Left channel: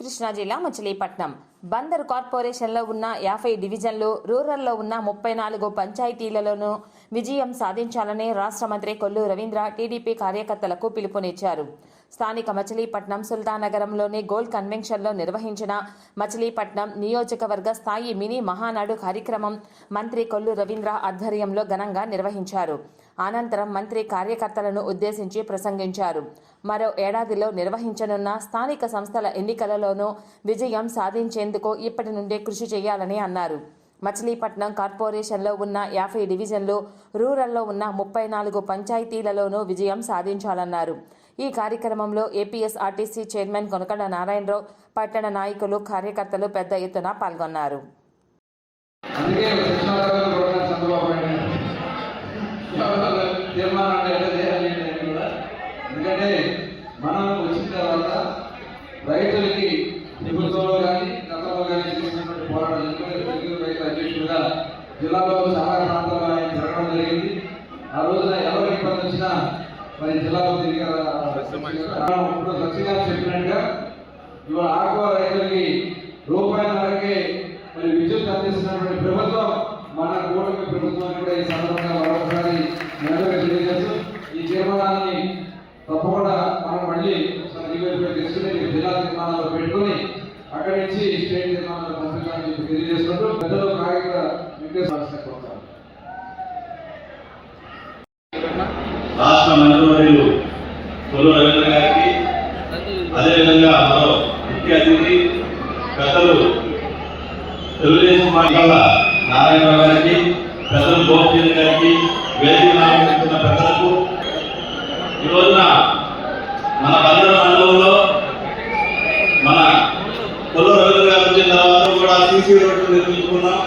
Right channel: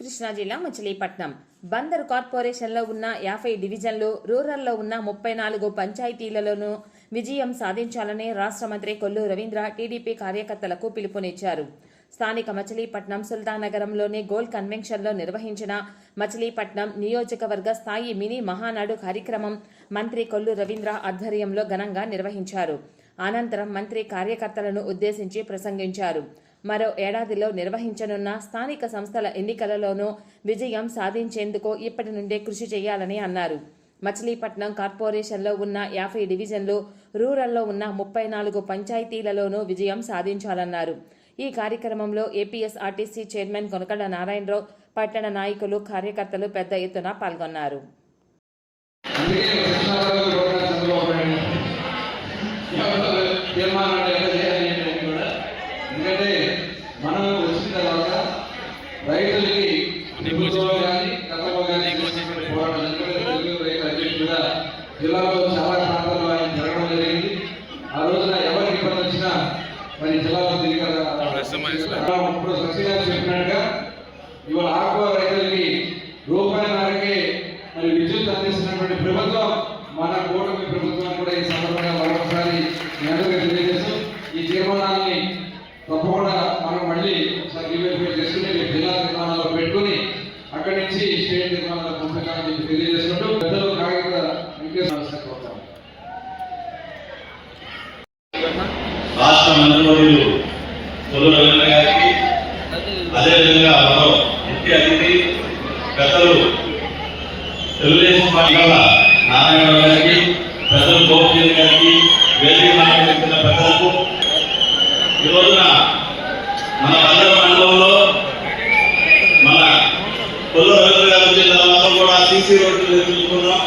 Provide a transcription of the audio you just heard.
కృష్ణా జిల్లా మచిలీపట్నం. బందర్ కార్పొరేషన్లో ఉన్న యాభై డివిజన్లు రూరల్లో ఉన్న ముప్పై నాలుగు పంచాయతీలలోనూ విజయం సాధించాలని రాష్ట్ర మంత్రి కొల్లు రవీంద్ర టీడీపీ కార్యకర్తలకు పిలుపునిచ్చారు. స్థానిక మచిలీపట్నం సుల్తానగరంలోని గోల్ కన్వెన్షన్లో నిర్వహించిన మచిలీపట్నం నియోజకవర్గ స్థాయి మినీ మహానాడు కార్యక్రమం మంత్రి కొల్లు రవీంద్ర ఆధ్వర్యంలో ఘనంగా నిర్వహించారు. అనంతరం మంత్రి కార్యకర్తలను ఉద్దేశించి ప్రసంగించారు. మరో ఏడాదిలో నిర్వహించనున్న స్థానిక సంస్థల ఎన్నికలలోనూ విజయం సాధించేందుకు ఇప్పటి నుండే కృషి చేయాలని అన్నారు. మచిలీపట్నం కార్పొరేషన్లో ఉన్న యాభై డివిజన్లు రూరల్లో ఉన్న ముప్పై నాలుగు పంచాయతీలలోనూ విజయం సాధించాలన్నారు. ఈ కార్యక్రమంలో APS RTC chairman Konakalla Narayana Rao పట్టణ నాయకులు కార్యకర్తలు పెద్ద ఎత్తున పాల్గొన్నారు. అందుకే మేరకే మరి విద్యుత్ అందిస్తున్నటువంటి ప్రభుత్వం మన కూటమి ప్రభుత్వం కూడా ఈ సందర్భంగా మరొకసారి తెలియజేస్తూ ఈ తీర్మానాన్ని తప్పకుండా మనం మళ్ళీ రివ్యూ చేసుకుని జిల్లా తీర్మానంలో పెట్టుకుని అక్కడి నుంచి స్టేట్ తీర్మానంలో పంపించాలని చెప్పి తెలియజేసుకుంటూ పెద్దలు కాగిత వెంకటేశ్వర కోరుతాం రాష్ట్ర మంత్రివర్యులు తొలి రవీంద్ర గారికి అదేవిధంగా మరో ముఖ్య అతిథి పెద్దలు తెలుగుదేశం పార్టీ వల్ల నారాయణరావు గారికి పెద్దలు గోపిచంద్ గారికి వేదిక నాయకులు పెద్దలకు ఈ రోజున మన బందర మండలంలో మన తొలి రోజు గారు వచ్చిన తర్వాత కూడా సీసీ రోడ్లు నిర్మించుకున్నాం